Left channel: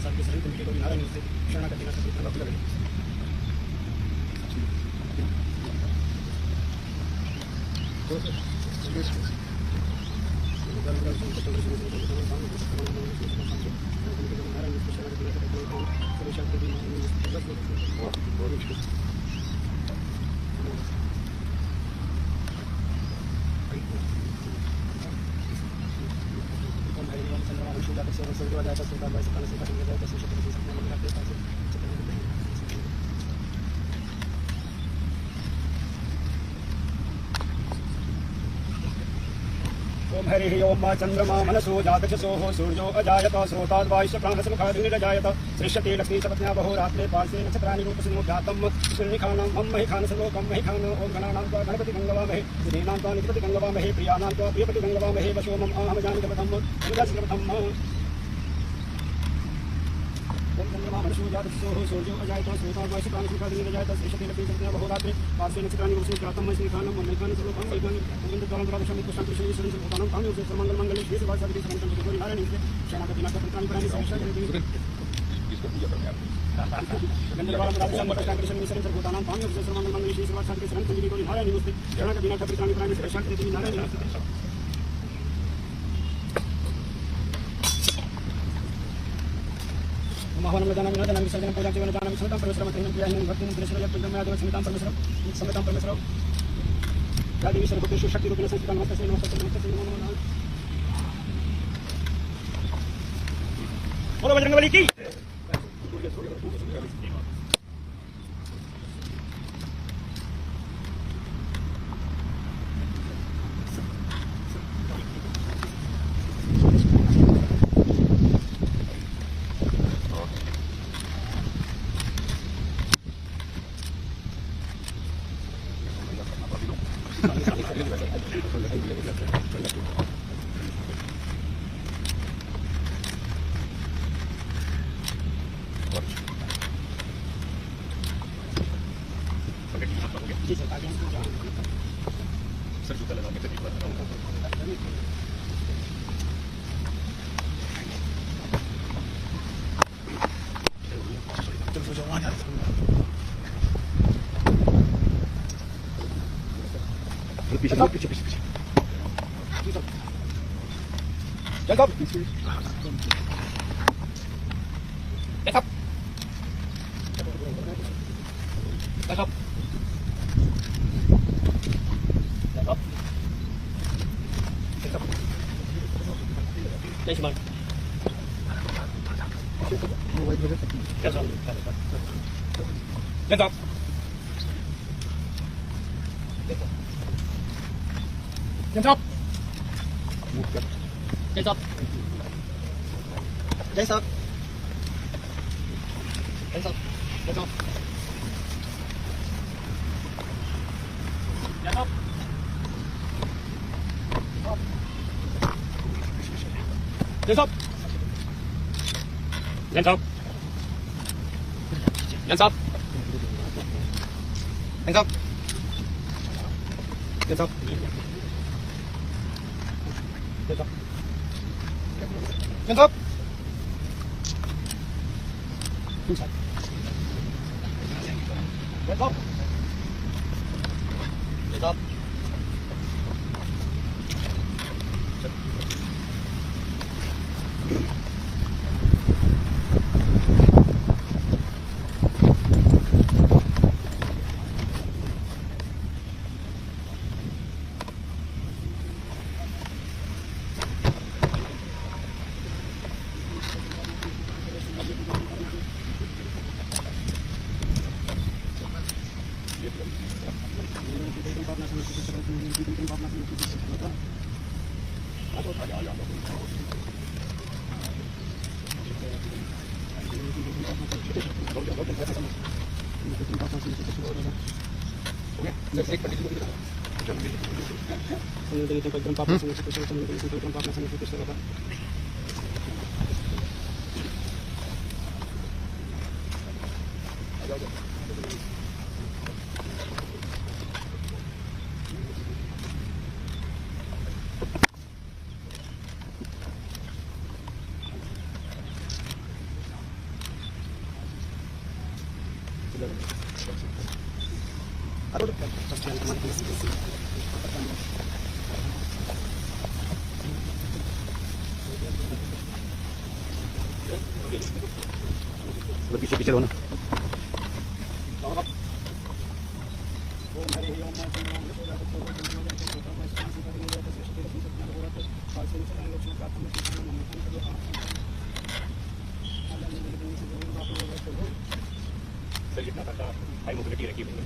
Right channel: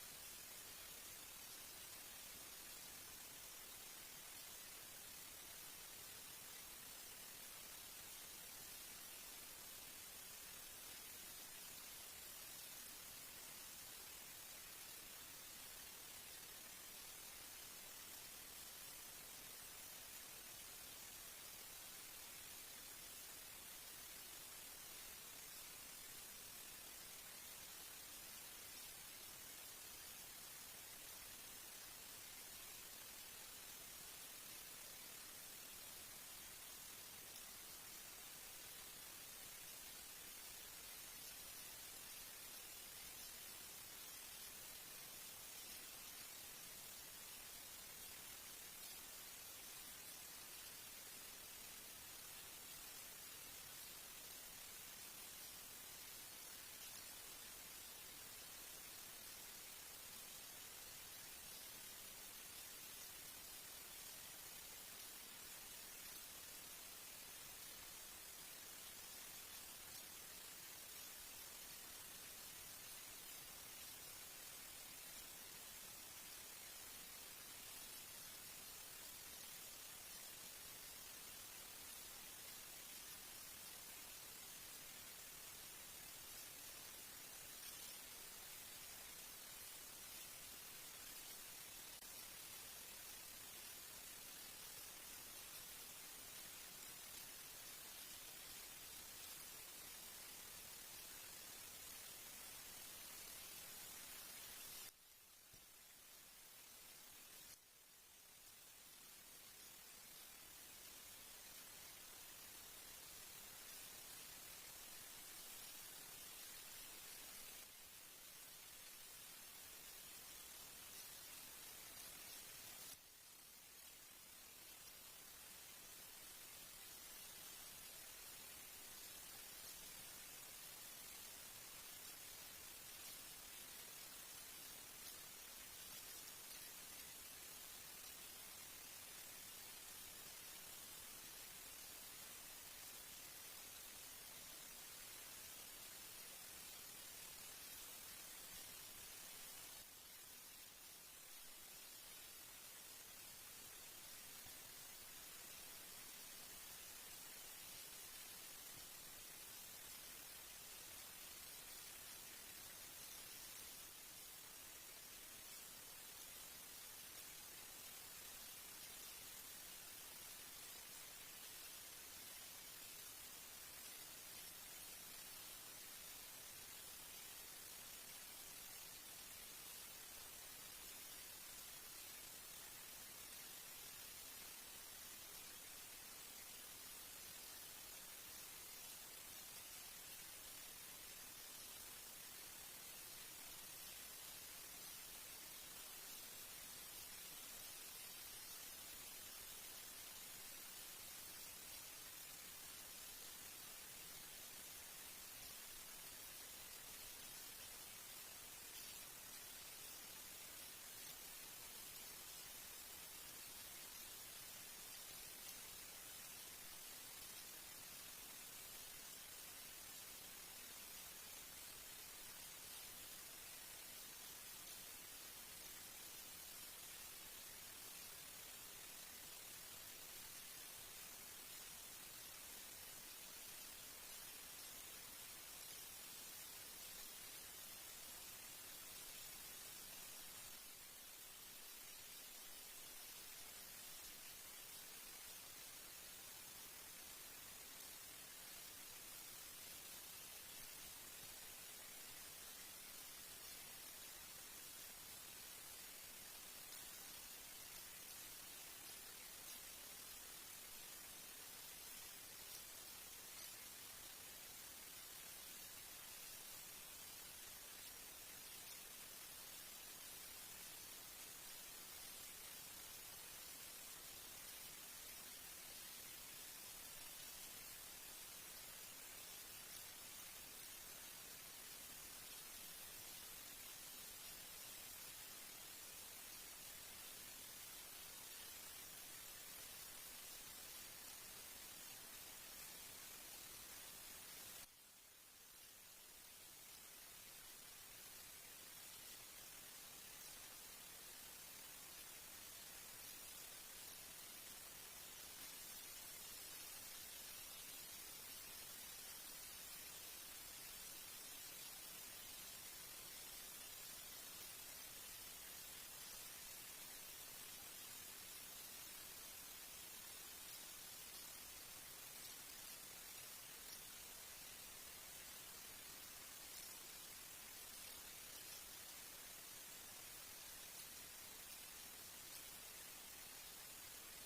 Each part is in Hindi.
साथ के सभी तुमके को नारायण से शरणागति ना करते भक्त लगे हरिः ओम चंद्रमा मनसो जातचसोः सूर्यो अजायत स्रोताद्वायुश्च प्राणसमुखाग्निरजायत सृष्यते लक्ष्मी सपत्न्या बहो रात्रे पार्श्वे नक्षत्राणि रूपसिनो ज्ञातं सुनिखानां मम महिखान सर्वोकं महिखान ओम गणानां त्वा गणपति गंगवामहे दिनेनां त्वा निपति गंगवामहे प्रियानां त्वा प्रियपति गंगवामहे वशो मम आहम जानकपथं गंगाश्रपथम् मनसो जातचसोः सूर्यो अजायत स्रोताद्वायुश्च प्राणसमुखाग्निरजायत सृष्यते लक्ष्मी सपत्न्या बहो रात्रे पार्श्वे नक्षत्राणि रूपसिनो ज्ञातं महिखानं मम महिखान सर्वोकं महिखान शक्ति रूपेण संस्कृतं नमस्ते बोलो बजरंगबली की पीछे पीछे रहो ना। हाई मोबिलिटी रखी हुई है।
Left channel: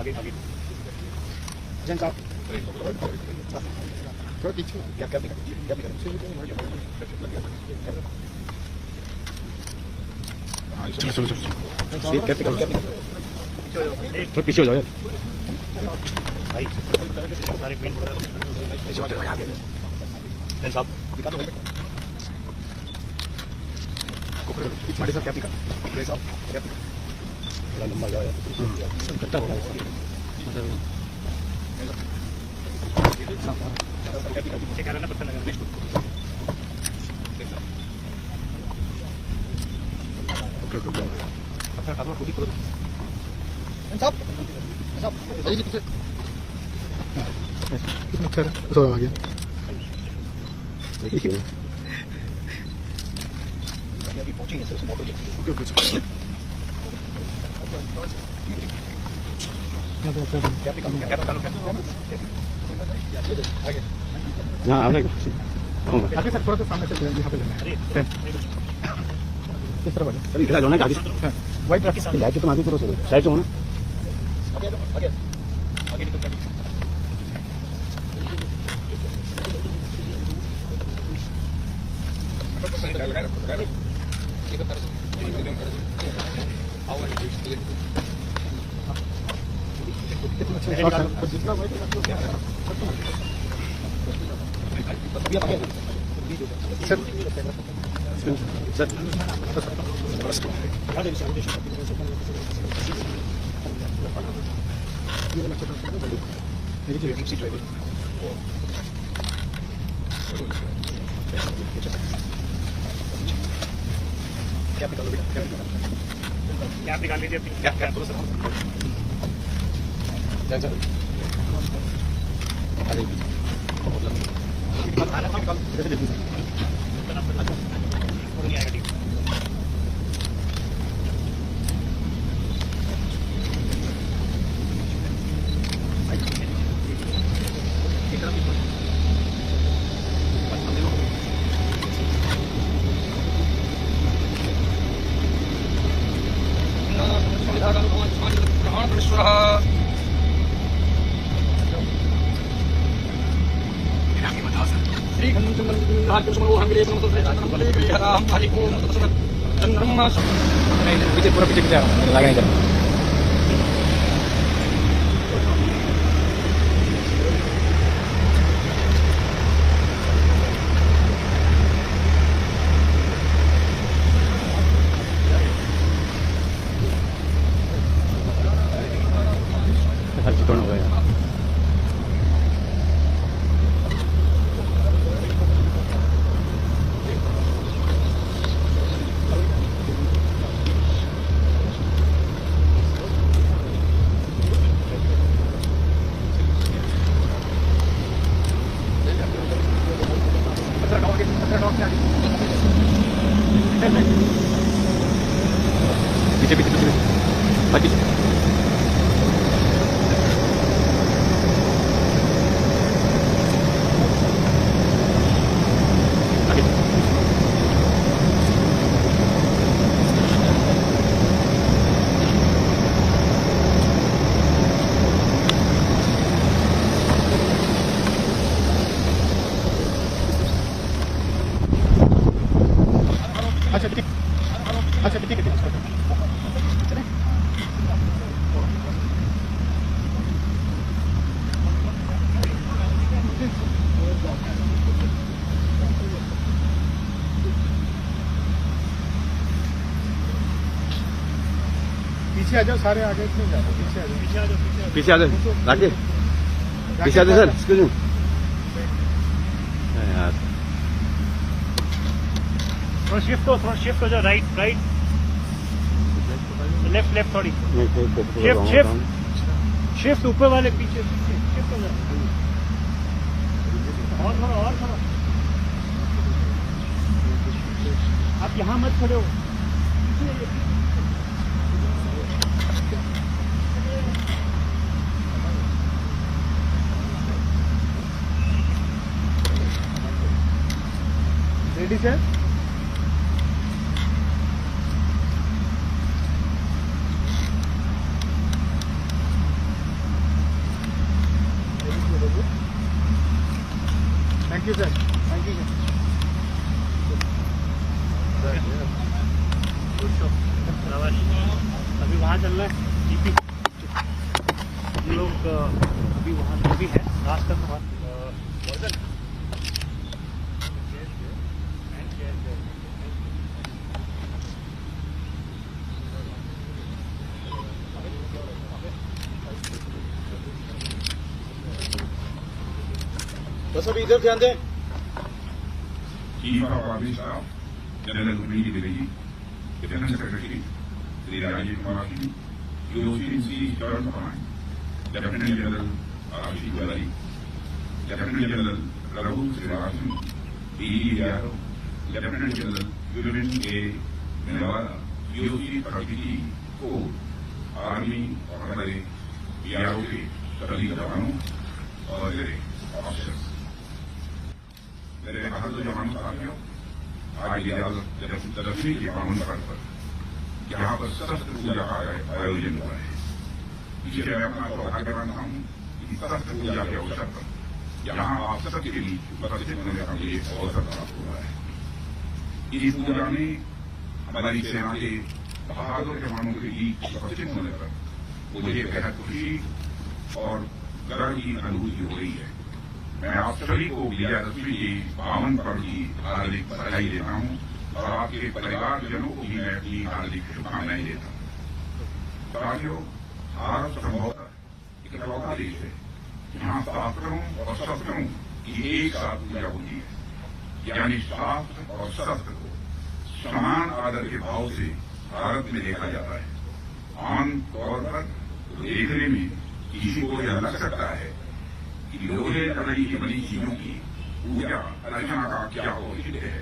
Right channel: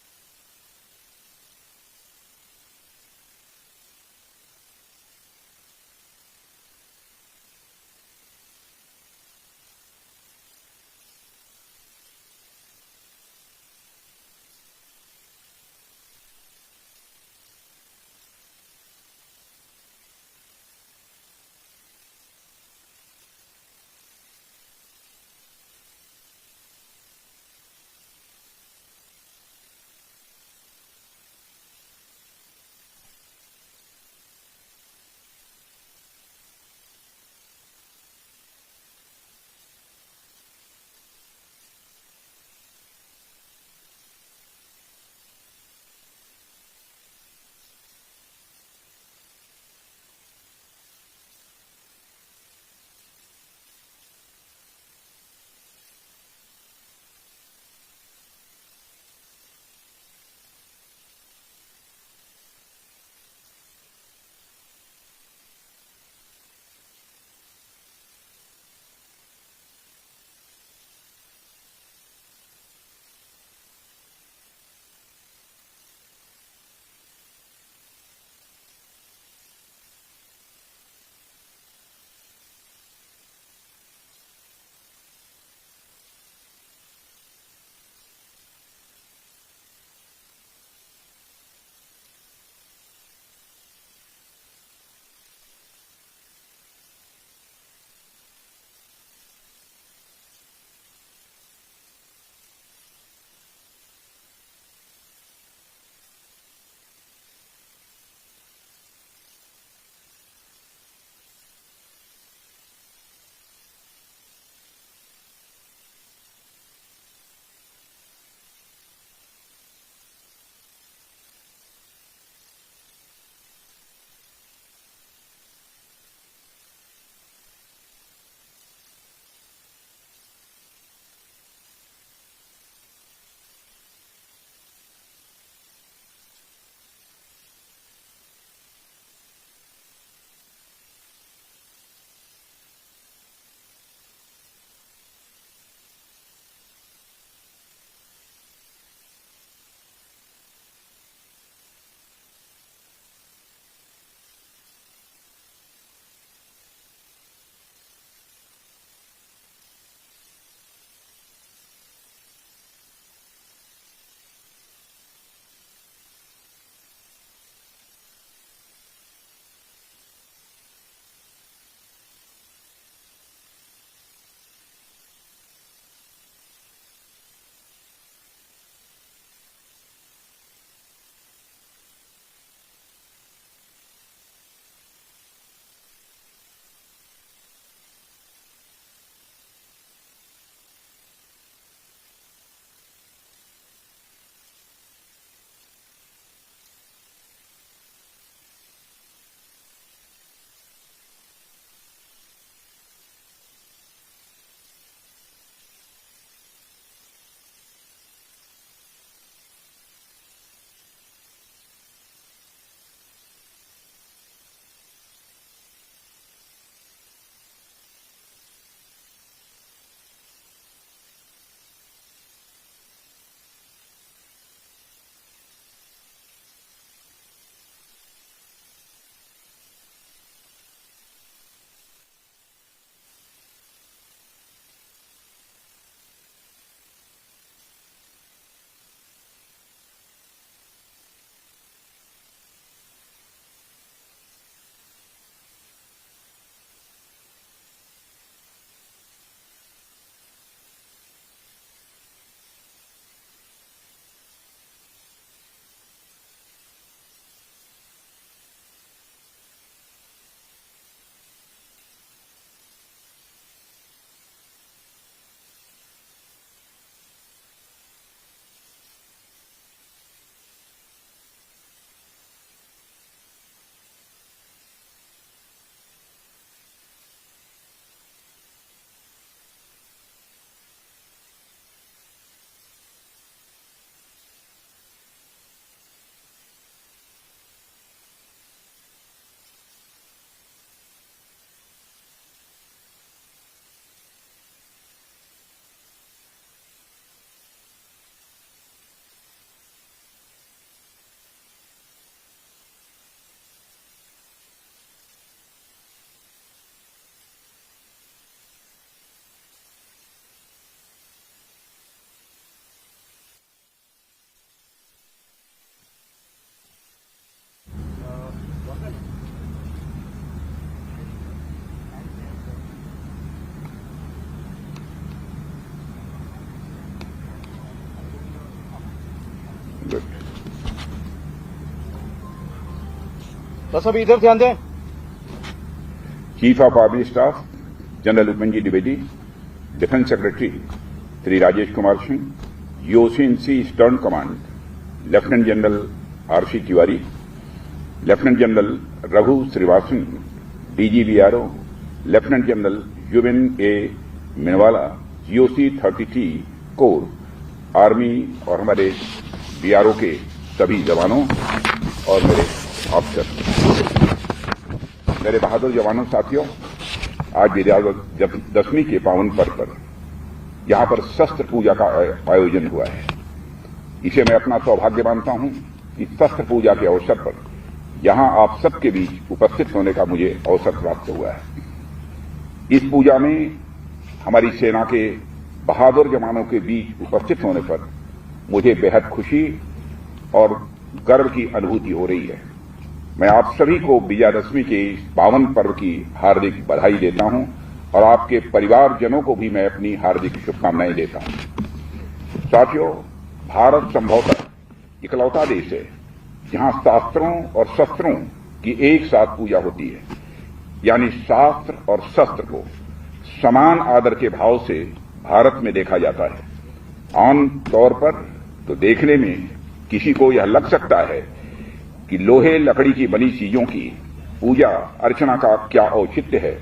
आगे आगे जन साहब थोड़ा पीछे क्या क्या क्या चलो चलो चलो क्या थोड़ा पीछे हो जाओ यार भाई सारे पेन पीछे हो जाओ आगे जन साहब दिखा दो माड़ी साहब क्या दिखा साहब क्या बड़ा लंबा जाओ यार कट्टा हो क्या करना पत्थर लगाना पत्थर काटो खुद ही करो साहब साहब जी पीछे कितना अच्छा है तो आ गया देखिए अभी पहुंचेंगे सर मोटो ओके हाँ आगे सर थोड़ा सा सामने से यहाँ पे लेना है किस तरह बढ़े सर इधर जाना है आगे वाइट रखी सामने लाइट तो आगे करो सर साइड से हो ना आगे आगे आगे निकल जाए सर सर क्या निकाल लीजिए क्या क्या बोलो सर पीछे पूरा पीछे लगा नहीं करना हर चीज हो गया पीछे पीछे पीछे बाकी अच्छा ठीक है पीछे आ जाओ, सारे आगे क्यों जा रहे हो? पीछे आ जाओ, पीछे आ जाओ, पीछे आ जाओ, राकेश पीछे आ जाओ सर, एक्सक्यूज मी यार। थोड़ा शिफ्ट हो जाओ, राइट लेफ्ट थोड़ी शिफ्ट ऊपर वाले पीछे शिफ्ट हो जाओ, और थोड़ा आप यहाँ मत खड़े हो। Ready sir? Thank you sir, thank you sir. अभी वहाँ चलना है जीपी, हम लोग अभी वहाँ जो भी है रास्ता के बाद बस अभी इधर ध्यान दें। Chief of army staff general Upmanyu Dwivedi, defence secretary Shri Rajesh Kumar Singh, UOCNC eastern command lieutenant general RC Tiwari, lieutenant general Raghu Srivastava, DGBRO lieutenant general Yuvin A Minwala, GOC 33 corps, army और हमारे बीआरओ के सभी जवानों और मेरे ऑफिसर, मेरे बहादुर जवानों साथियों, आज विजयादशमी के पावन पर्व पर यहां पर शस्त्र पूजा का आयोजन हुआ है। इसे मैं अपना सौभाग्य मानता हूं कि शस्त्र पूजा के अवसर पर यहां आप सबके बीच उपस्थित होने का मुझे अवसर प्राप्त हुआ है। इस पूजा में हमारी सेना के बहादुर जवानों के बीच उपस्थित होने पर मुझे बेहद खुशी और गर्व की अनुभूति हो रही है। मैं आप सभी को विजयादशमी के पावन पर्व की हार्दिक बधाई देता हूं और आपके परिवारजनों को भी मैं अपनी हार्दिक शुभकामनाएं देता हूं। साथियों, भारत संभवतः इकलौता देश है जहां शास्त्रों और शस्त्रों की एक साथ पूजा होती है, यानी शास्त्र और शस्त्र को समान आदर के भाव से भारत में देखा जाता है। आम तौर पर तो देखने में किसी को यह लग सकता है कि लोहे लकड़ी की बनी चीजों की पूजा अर्चना का क्या औचित्य है,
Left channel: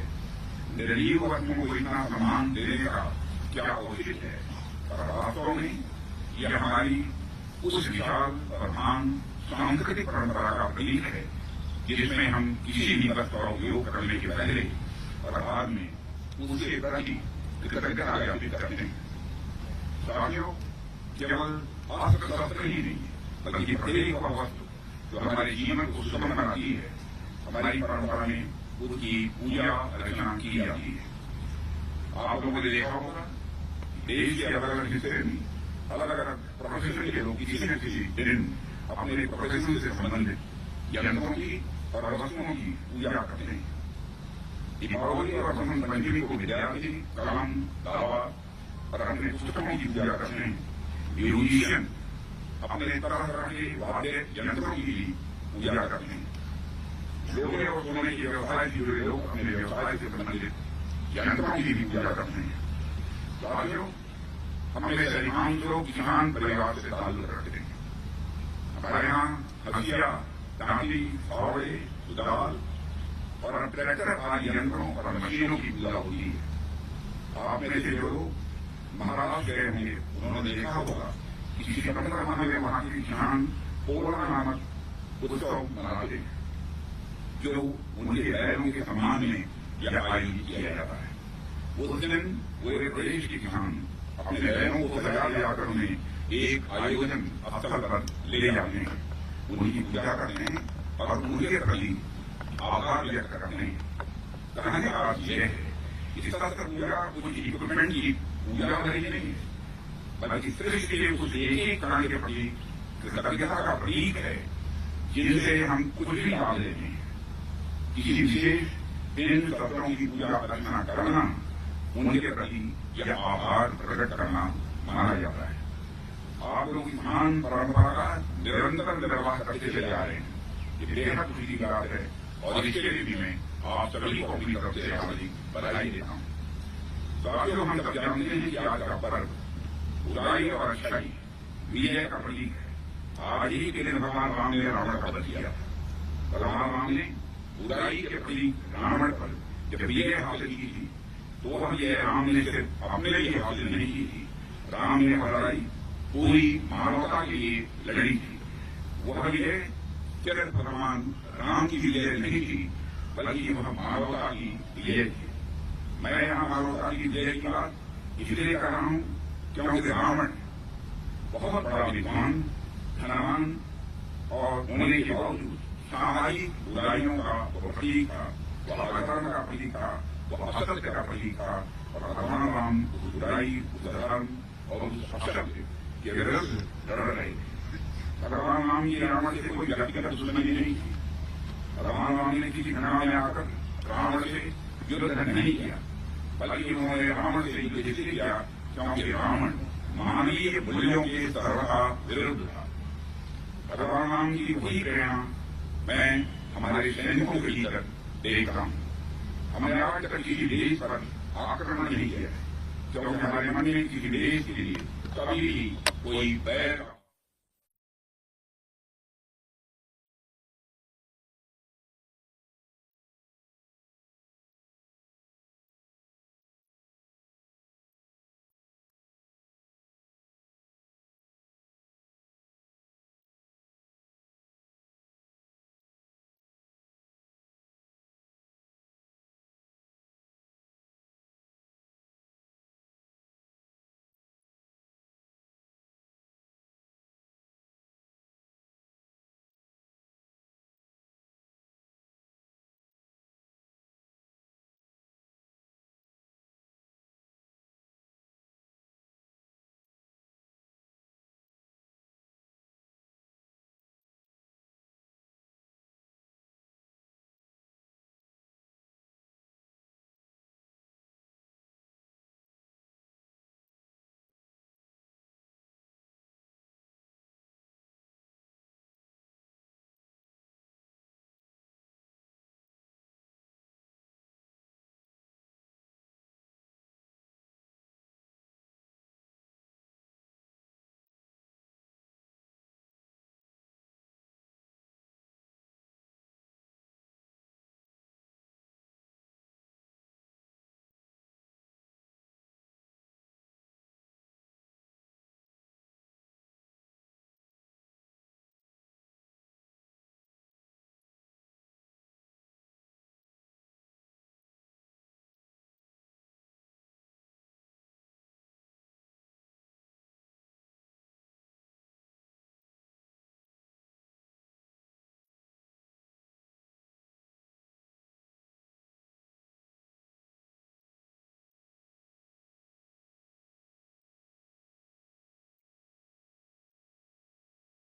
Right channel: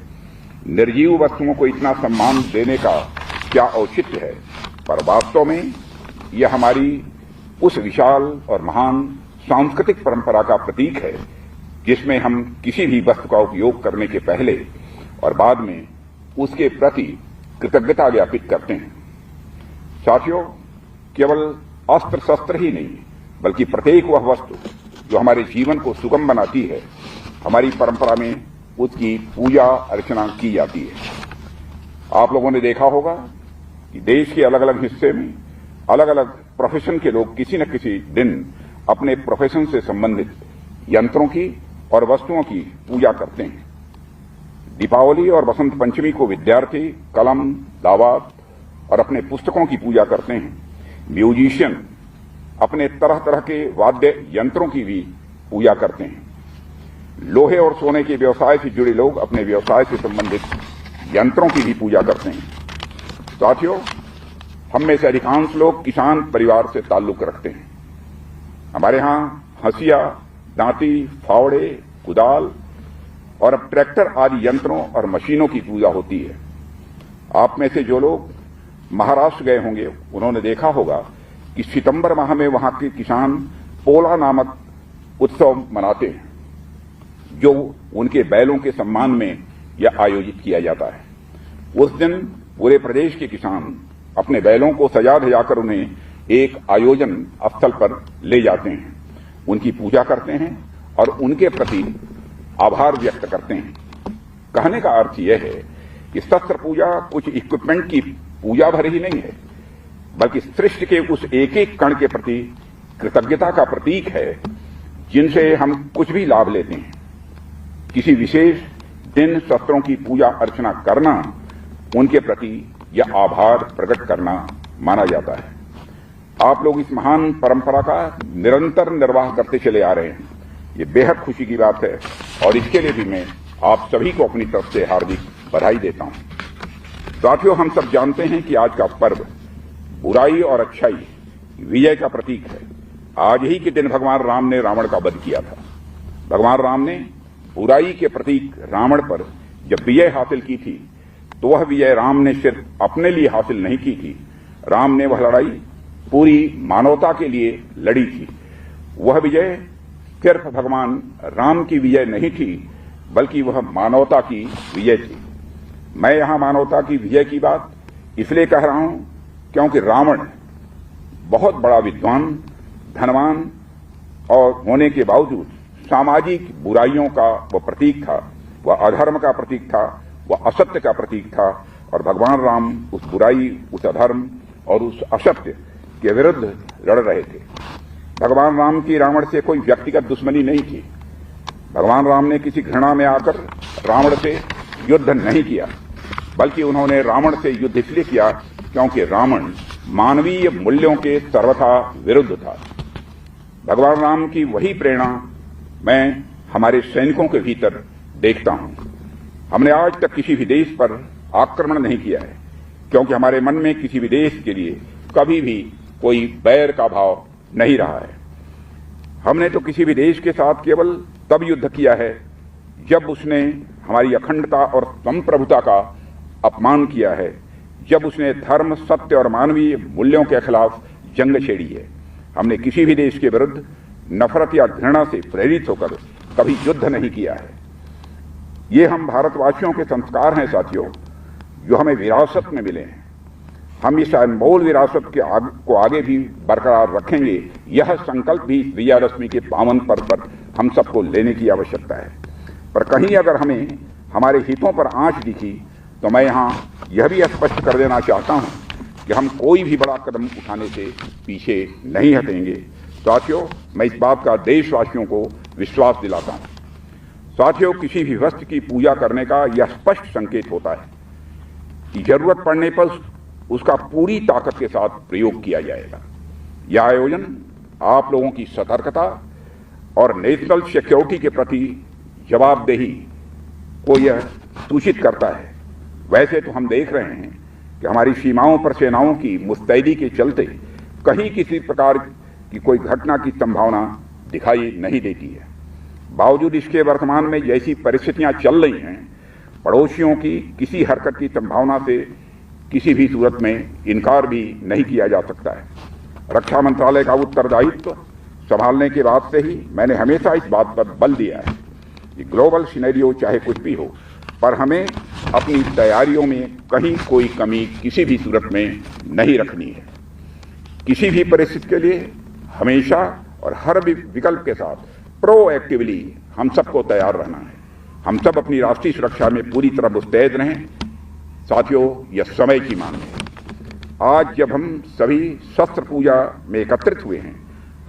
निर्जीव वस्तुओं को इतना सम्मान देने का क्या औचित्य है, पर वास्तव में यह हमारी उस विशाल और महान सांस्कृतिक परंपरा का प्रतीक है जिसमें हम किसी भी वस्तु का उपयोग करने के पहले और बाद में उसके प्रति कृतज्ञता ज्ञापित करते हैं। साथियों, केवल अस्त्र शस्त्र ही नहीं बल्कि प्रत्येक वह वस्तु जो हमारे जीवन को सुगम बनाती है, हमारी परंपरा में उसकी पूजा अर्चना की जाती है। आप लोगों ने देखा होगा कि देश के अलग अलग हिस्से में अलग अलग प्रोफेशन के लोग किसी न किसी दिन अपने प्रोफेशन से संबंधित यंत्रों की और वस्तुओं की पूजा करते हैं। दीपावली और बसंत पंचमी को विद्यार्थी कलम, दावात और अपने पुस्तकों की पूजा करते हैं। म्यूजिशियन अपने तरह तरह के वाद्य यंत्रों की भी पूजा करते हैं। लोहे और सोने के व्यवसाय से जुड़े लोग अपने व्यवसाय से संबंधित यंत्रों की भी पूजा करते हैं। साथियों, हम में से अधिकांश लोग किसान परिवार से ताल्लुक रखते हैं। हमारे यहां हंसिया, दांती, फावड़े, कुदाल और अब ट्रैक्टर आदि यंत्रों और मशीनों की पूजा होती है। आप में से जो लोग महाराष्ट्र गए होंगे उन्होंने देखा होगा कि सितंबर माह में वहां के किसान पोला नामक उत्सव मनाते हैं, जो उनके बैलों के सम्मान में यह आयोजित किया जाता है। उस दिन पूरे प्रदेश के किसान अपने बैलों को सजा धजाकर उन्हें एक आयोजन स्थल पर ले जाते हैं, उनकी पूजा करते हैं और उनके प्रति आभार व्यक्त करते हैं। कहने का अर्थ यह है कि शस्त्र पूजा कुछ इक्विपमेंट की पूजा भर ही नहीं है, बल्कि सृष्टि के उस एक एक कण के प्रति कृतज्ञता का प्रतीक है जिनसे हम कुछ भी लाभ लेते हैं। किसी विशेष दिन शस्त्रों की पूजा अर्चना करना उनके प्रति यह आभार प्रकट करना माना जाता है। आप लोग इस महान परंपरा का निरंतर निर्वाह करते चले आ रहे हैं। ये बेहद खुशी की बात है और इसके लिए भी मैं आप सभी को अपनी तरफ से हार्दिक बधाई देता हूं। साथियों, हम सब जानते हैं कि आज का पर्व बुराई और अच्छाई विजय का प्रतीक है। आज ही के दिन भगवान राम ने रावण का वध किया था। भगवान राम ने बुराई के प्रतीक रावण पर जब विजय हासिल की थी तो वह विजय राम ने सिर्फ अपने लिए हासिल नहीं की थी। राम ने वह लड़ाई पूरी मानवता के लिए लड़ी थी। वह विजय सिर्फ भगवान राम की विजय नहीं थी, बल्कि वह मानवता की विजय थी। मैं यहां मानवता की विजय की बात इसलिए कह रहा हूं क्योंकि रावण बहुत बड़ा विद्वान, धनवान और होने के बावजूद सामाजिक बुराइयों का वह प्रतीक था। वह अधर्म का प्रतीक था, वह असत्य का प्रतीक था और भगवान राम उस बुराई, उस अधर्म और उस असत्य के विरुद्ध लड़ रहे थे। भगवान राम की रावण से कोई व्यक्तिगत दुश्मनी नहीं थी। भगवान राम ने किसी घृणा में आकर रावण से युद्ध नहीं किया, बल्कि उन्होंने रावण से युद्ध इसलिए किया क्योंकि रावण मानवीय मूल्यों के सर्वथा विरुद्ध था। भगवान राम की वही प्रेरणा मैं हमारे सैनिकों के भीतर देखता हूं। हमने आज तक किसी भी देश पर आक्रमण नहीं किया है क्योंकि हमारे मन में किसी भी देश के लिए कभी भी कोई बैर का भाव नहीं रहा है। हमने तो किसी भी देश के साथ केवल तब युद्ध किया है जब उसने हमारी अखंडता और संप्रभुता का अपमान किया है, जब उसने धर्म, सत्य और मानवीय मूल्यों के खिलाफ जंग छेड़ी है। हमने किसी भी देश के विरुद्ध नफरत या घृणा से प्रेरित होकर कभी युद्ध नहीं किया है। ये हम भारतवासियों के संस्कार हैं साथियों, जो हमें विरासत में मिले हैं। हम इस अनमोल विरासत को आगे भी बरकरार रखेंगे। यह संकल्प भी विजयादशमी के पावन पर्व पर हम सबको लेने की आवश्यकता है। पर कहीं अगर हमें हमारे हितों पर आंच दिखी तो मैं यहाँ यह भी स्पष्ट कर देना चाहता हूँ कि हम कोई भी बड़ा कदम उठाने से पीछे नहीं हटेंगे। साथियों, मैं इस बात का देशवासियों को विश्वास दिलाता हूँ। साथियों, किसी भी वस्तु की पूजा करने का यह स्पष्ट संकेत होता है कि जरूरत पड़ने पर उसका पूरी ताकत के साथ प्रयोग किया जाएगा। यह आयोजन आप लोगों की सतर्कता और नेशनल सिक्योरिटी के प्रति जवाबदेही को यह सूचित करता है। वैसे तो हम देख रहे हैं कि हमारी सीमाओं पर सेनाओं की मुस्तैदी के चलते कहीं किसी प्रकार की कोई घटना की संभावना दिखाई नहीं देती है। बावजूद इसके वर्तमान में जैसी परिस्थितियां चल रही हैं, पड़ोसियों की किसी हरकत की संभावना से किसी भी सूरत में इनकार भी नहीं किया जा सकता है। रक्षा मंत्रालय का उत्तरदायित्व संभालने के बाद से ही मैंने हमेशा इस बात पर बल दिया है कि ग्लोबल सिनेरियो चाहे कुछ भी हो, पर हमें अपनी तैयारियों में कहीं कोई कमी किसी भी सूरत में नहीं रखनी है। किसी भी परिस्थिति के लिए हमेशा और हर विकल्प के साथ प्रोएक्टिवली हम सबको तैयार रहना है। हम सब अपनी राष्ट्रीय सुरक्षा में पूरी तरह मुस्तैद रहें। साथियों, यह समय की मांग है। आज जब हम सभी शस्त्र पूजा में एकत्रित हुए हैं,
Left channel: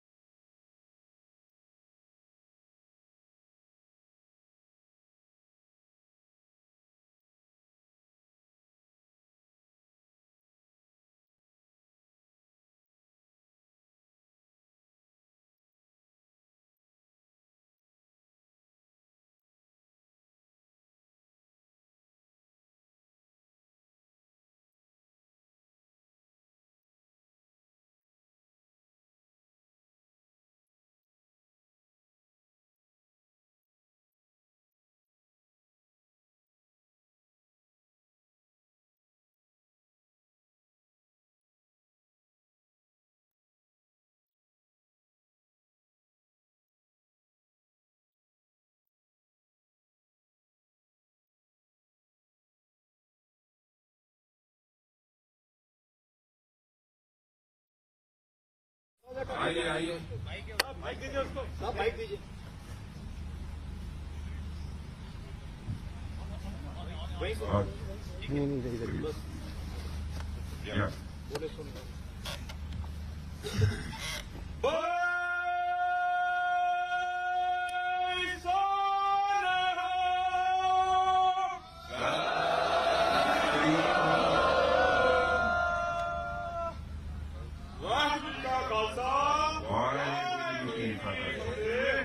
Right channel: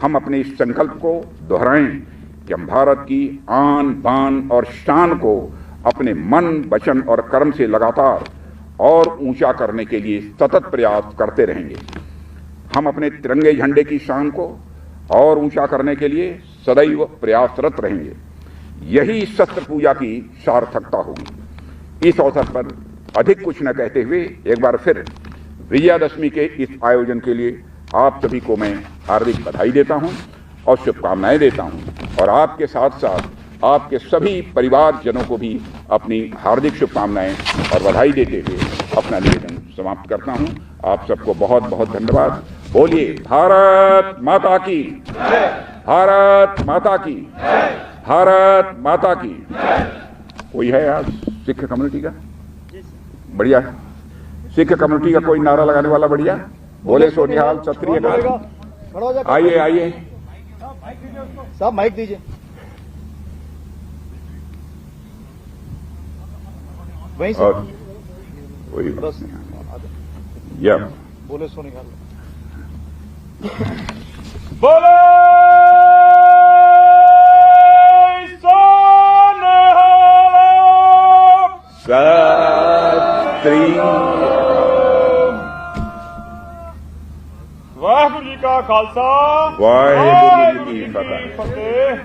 हम अपने इस संकल्प को दोहराएं कि हम भारत की आन, बान और शान को अपने मन, वचन और कर्म से लगातार और ऊंचा करने के लिए सतत प्रयास करते रहेंगे। हम अपने तिरंगे झंडे की शान को और ऊंचा करने के लिए सदैव प्रयासरत रहेंगे। यही शस्त्र पूजा की सार्थकता होगी। इस अवसर पर अधिक कुछ न कहते हुए एक बार फिर विजयादशमी के इस आयोजन के लिए आप सभी को मैं हार्दिक बधाई देता हूं और शुभकामनाएं देता हूं और आपके साथ साथ आपके सभी परिवारजनों को भी अपनी हार्दिक शुभकामनाएं और बधाई देते हुए अपना निवेदन समाप्त करता हूं। आप सबको बहुत बहुत धन्यवाद। बोलिए भारत माता की, भारत माता की, भारत माता की। कोई है आज सिख कम्युनिटी का? बढ़िया। सिख कम्युनिटी का कोई नारा लगाने वाला? बढ़िया। बोले सोनिहाल, क्षत्रिय का। आइए आइए साहब, माइक दीजिए। वहीं से और कोई बस या बोले सोनिहाल। बोलो क्षत्रिय। वाह वाहिगुरु जी का खालसा वाहिगुरु जी की फतेह। फतेह।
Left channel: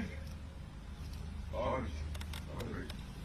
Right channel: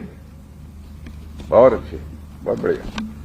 बहुत अच्छे, बहुत बढ़िया।